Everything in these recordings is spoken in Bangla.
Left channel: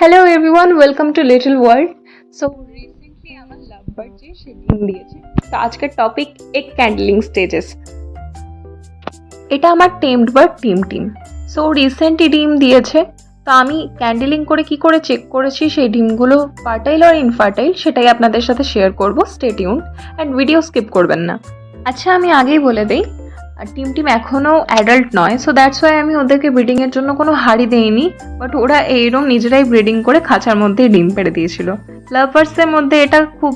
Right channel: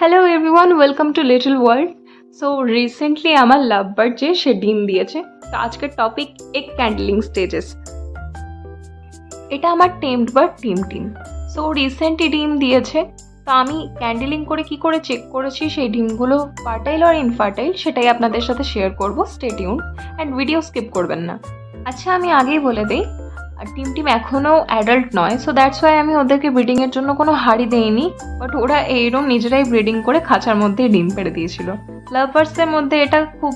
Hello everyone, welcome to little world. So recently আমার লাভ বার্ড যে সে ডিম দিয়েছে। তো আজকের টপিক এগ ক্যান্ডেলিং স্টেজেস। এটা আমার tamed bird team. So recently ডিম দিয়েছে। তো আমি ক্যান্ডেলিং করে কি করে চেক করেছি সেই ডিমগুলো ফার্টাইল আর ইনফার্টাইল সেটাই আপনাদের সাথে শেয়ার করবো। Stay tune and video skip করবেন না। আচ্ছা, আমি আগেই বলে দিই, আর টিম এখনও অ্যাডাল্ট নয়, সো দ্যাটস ওয়াই আমি ওদেরকে ব্রিডিংয়ের জন্য কোনো হাড়ি দেইনি। বাট ওরা এইরকম নিজেরাই ব্রিডিং করে খাঁচার মধ্যে ডিম পেড়ে দিয়েছিল। লাভার্সের মধ্যে এটা খুব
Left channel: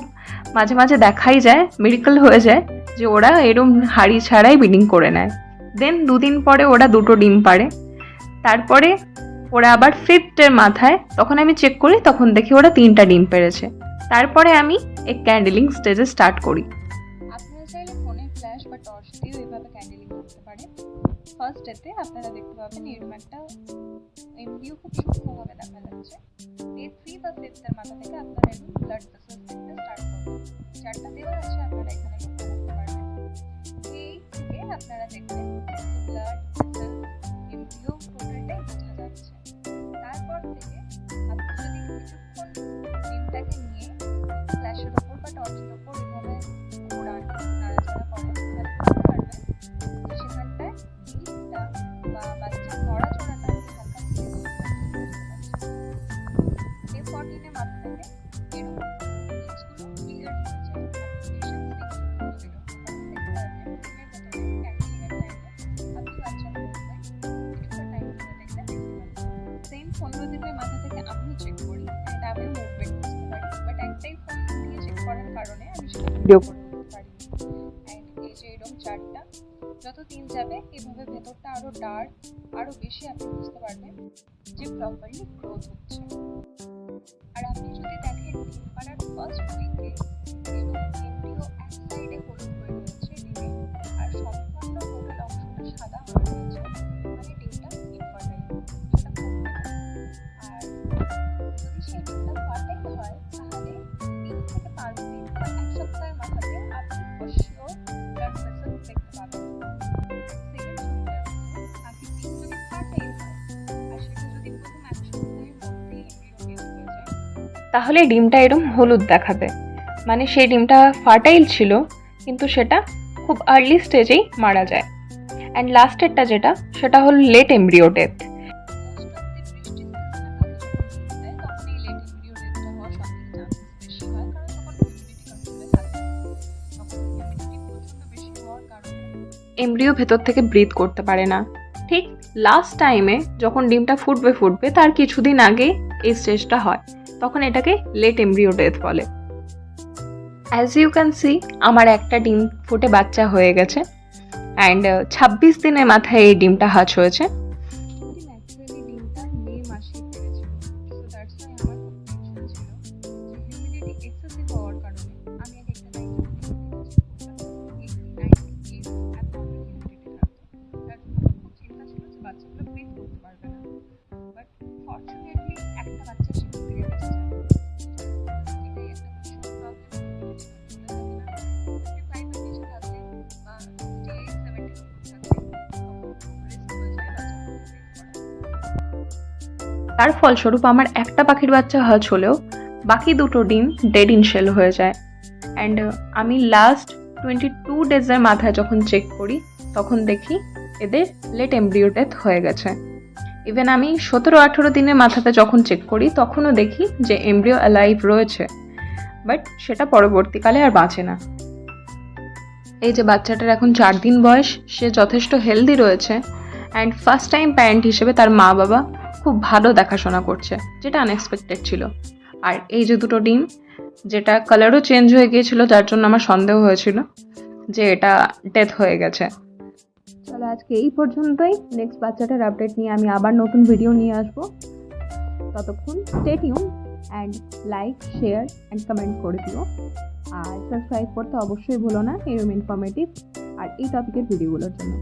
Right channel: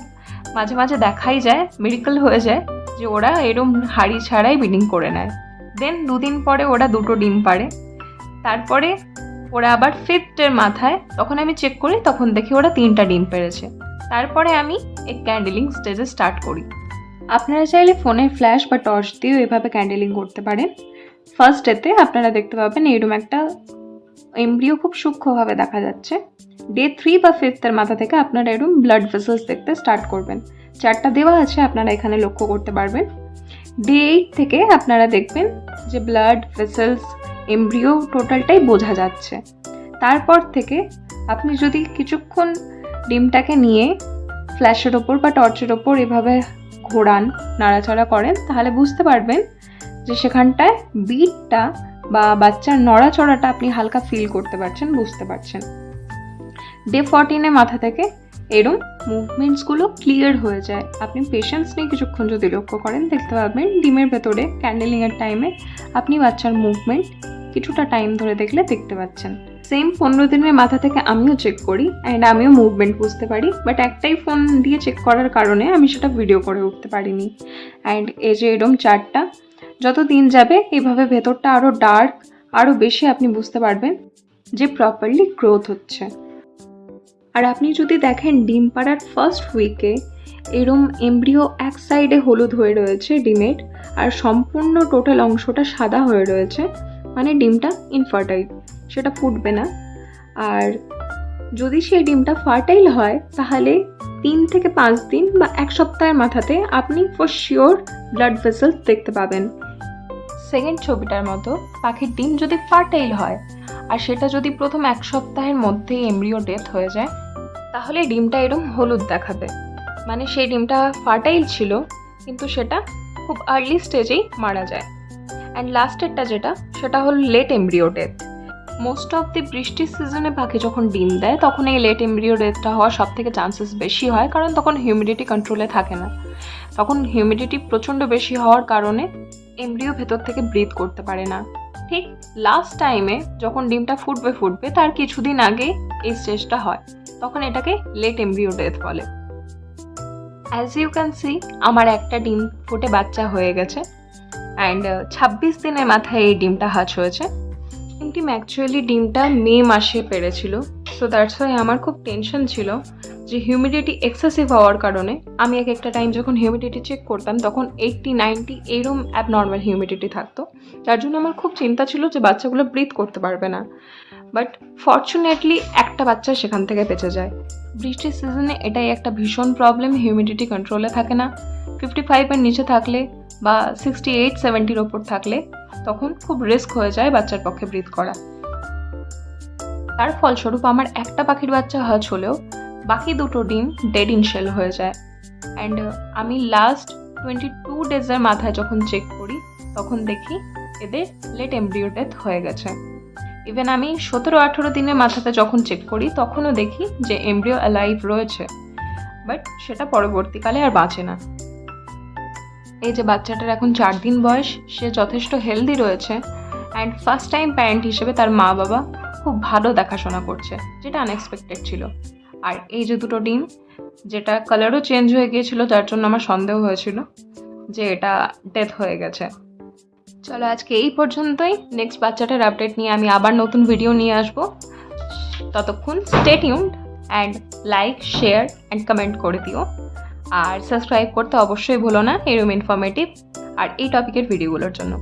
মাঝে মাঝে দেখাই যায়, মিরাকল হয়ে যায় যে ওরা এরকম হাড়ি ছাড়াই ব্রিডিং করে নেয়। দেন দুদিন পরে ওরা দুটো ডিম পাড়ে। তারপরে ওরা আবার ফিফথের মাথায় তখন আমি চেক করি, তখন দেখি ওরা 3টা ডিম পেড়েছে। তারপরে আমি এই ক্যান্ডেলিং স্টেজে স্টার্ট করি। আপনারা চাইলে ফোনের ফ্ল্যাশ বা টর্চ দিয়েও এভাবে ক্যান্ডেলিং করতে পারেন। ফার্স্ট ডেতে আপনারা দেখতে পাবেন এরকম একটা এমব্রিও খুব সূক্ষ্মভাবে দেখা যাচ্ছে। ডে 3 বা 5 মাথা থেকে আপনারা এরকম ব্লাড ভেসেলস দেখতে স্টার্ট করবেন। 4টা দেওয়া আছে, আপনারা এখানে লক্ষ্য করতে পারবেন। ডে 8 থেকে আপনারা দেখবেন যে ব্লাড ভেসেলস এমব্রিও টোটালটাই বোঝা যাচ্ছে। তারপর থেকে আপনি যদি কিছুক্ষণ ডিমটাকে নিয়ে ফ্ল্যাশের ওপর বা টর্চের ওপর এভাবে ঘোরান, নাড়াচাড়া করেন, তাহলে বুঝতে পারবেন যে সেখানটায় বিটটা বা বাচ্চার নড়াচড়াটা আপনি হালকা ফিল করতে পারছেন, বুঝতে পারছেন। ডে 14 মাথা থেকে এরম মুভমেন্টসগুলো ক্লিয়ার হয়ে যায়। আপনি পেশেন্স নিয়ে কিছুক্ষণ যদি লক্ষ্য করেন, দেখতে পাবেন ডিমের ভেতরে ক্যান্ডেলিংয়ের টাইমে আপনি বাচ্চার মুভমেন্ট কিছুটা টাইম ধরে দেখতে পাচ্ছেন। সেম 15 দিনের মাথা থেকে আমিও চেক করি অ্যান্ড আমিও মুভমেন্ট বুঝতে পারি, বাট একটাই ফোন দিয়ে চেক করার কারণে আমি সেটা ভিডিও করে উঠতে পারিনি। অ্যান্ড এই যে এরম 4টা, যত দিন যাবে এভাবে ভেতরটা আরও ডার্ক, আরও বেশি আপনি বুঝতে পারবেন যে প্রপারলি গ্রোথ হচ্ছে। আর আপনি যদি দেখেন ডিম পাড়ার ফার্স্ট উইকে এরম এমব্রিও এক সাইডে হলুদ হয়ে রয়েছে ডিমের, আর সম্পূর্ণ টোটাল অংশটা সাদা হয়ে রয়েছে, মানে ডিমটা ইনফার্টাইল, সেটা ফুটবে না। আর যদি সেই ডিমটা ফার্টাইল হয় তাহলে 3 থেকে 5 দিন বা 1 সপ্তাহের মাথাতে আপনি ফর শিওর ব্লাড ভেসেলস দেখতে পাবেন। সেকেন্ড ছবিটার মতো পাখির ডিম যদি ফার্টাইল হয় আর সেটা যদি প্রথম 1 সপ্তাহের মধ্যেই এমব্রিও ডেথ হয়ে যায়, তাহলে ডিমটা এরকম হলুদ দেখাবে, মানে সেই ডিমটা ফার্টাইল ছিল কিন্তু সেটা খুব আর্লি স্টেজেই মারা যায়। অ্যান্ড লাস্টেরটা যেটা, সেটা হলো late embryo death. Most of the বৃষ্টির সিজনে পাখি যখন ডিম দেয় তখন এই লেট এমব্রিও ডেথটা হওয়ার সব থেকে চান্সেস বেশি হয়, কারণ তখন হিউমিডিটি কন্ট্রোলে থাকে না। তখন হিউমিডিটি প্রচণ্ড বেশি হওয়ার কারণে এমব্রিও ভেতর থেকে ব্রিথ করতে পারে না। ঠিক লাস্ট টাইমে যখন ডিমটা ফুটবে তার কিছুদিন আগে এই স্টেজটা হয়, তখন এটাকে লেট এমব্রিও ডেথ বলে। অ্যাজ ইউ ক্যান সি, আমার একটা ডিম ফুটে বাচ্চা হয়ে গেছে অ্যান্ড 26 দিনের মাথায় এই ডিমটা হাচ হয়েছে। ডিম অ্যাকচুয়ালি ডিমটা মে মাসে পেরেছিল, সো দ্যাটস ওয়াই আমার খুব টেনশন ছিল যে হিউমিডিটি এক্সেসিভ হওয়ার কারণে আমি একটা টাইম যখন হিউমিডিটি চেক করতাম তখন 80-90 এইরকম অ্যাবনর্মাল হিউমিডিটি থাকতো, যার জন্য আমার খুব চিন্তা ছিল যে বাচ্চাগুলো ব্রিথ করতে পারবে না। বাট ফর্চুনেটলি একটা বাচ্চা সেখান থেকে বেঁচে যায়। বৃষ্টির সিজনে এটাই একটা ভীষণ প্রবলেম, হিউমিডিটি কন্ট্রোলে থাকে না। 55-এর নিচে থাকলে বা 68-70-র ওপর থাকলে তখন খুব রিস্ক হয়ে যায় বাচ্চার পক্ষে ব্রিথ করা। তার ফলস্বরূপ আমার একটা পাখির বাচ্চা হাচ হলেও বাকি দুটো ডিম ডেড ইন শেল হয়ে যায়। অ্যান্ড আমি লাস্ট 22 ডেজের মাথায় যখন চেক করি তখন দেখি এদের লেট এমব্রিও ডেথ হয়ে গেছে। ইভেন আমি 17-18 দিনের মাথাতে যখন চেক করি তখনও দেখি যে এমব্রিও অ্যালাইভ রয়েছে, বাট সেটা পরবর্তীকালে আর বাঁচে না। এই যে বাচ্চাটার এখন 4 দিন বয়স, সে যথেষ্ট হেলদি রয়েছে অ্যান্ড ফার্স্ট টাইম প্যারেন্ট হিসেবে তার মা বাবা খুব ভালো দেখাশোনা করছে, যেটা আনএক্সপেক্টেড ছিল। আর এই যে দুটো ডিম, যেটা কালারও চেঞ্জ হয়ে গিয়েছিল, যার জন্য আমার সন্দেহ হয়েছিল যে এটা ডেথ হয়ে গেছে। চলো আজকে এই পর্যন্তই। নেক্সট বাচ্চাটার আপডেট নিয়ে আমি আবার নতুন ভিডিও নিয়ে আসবো। ততক্ষণ stay tuned and like, share and comment করে দিও। আর সাবস্ক্রাইব করতে অবশ্যই ভুলো না এরকম ইনফরমেটিভ আর এই টপিকের ভিডিওগুলোর জন্য।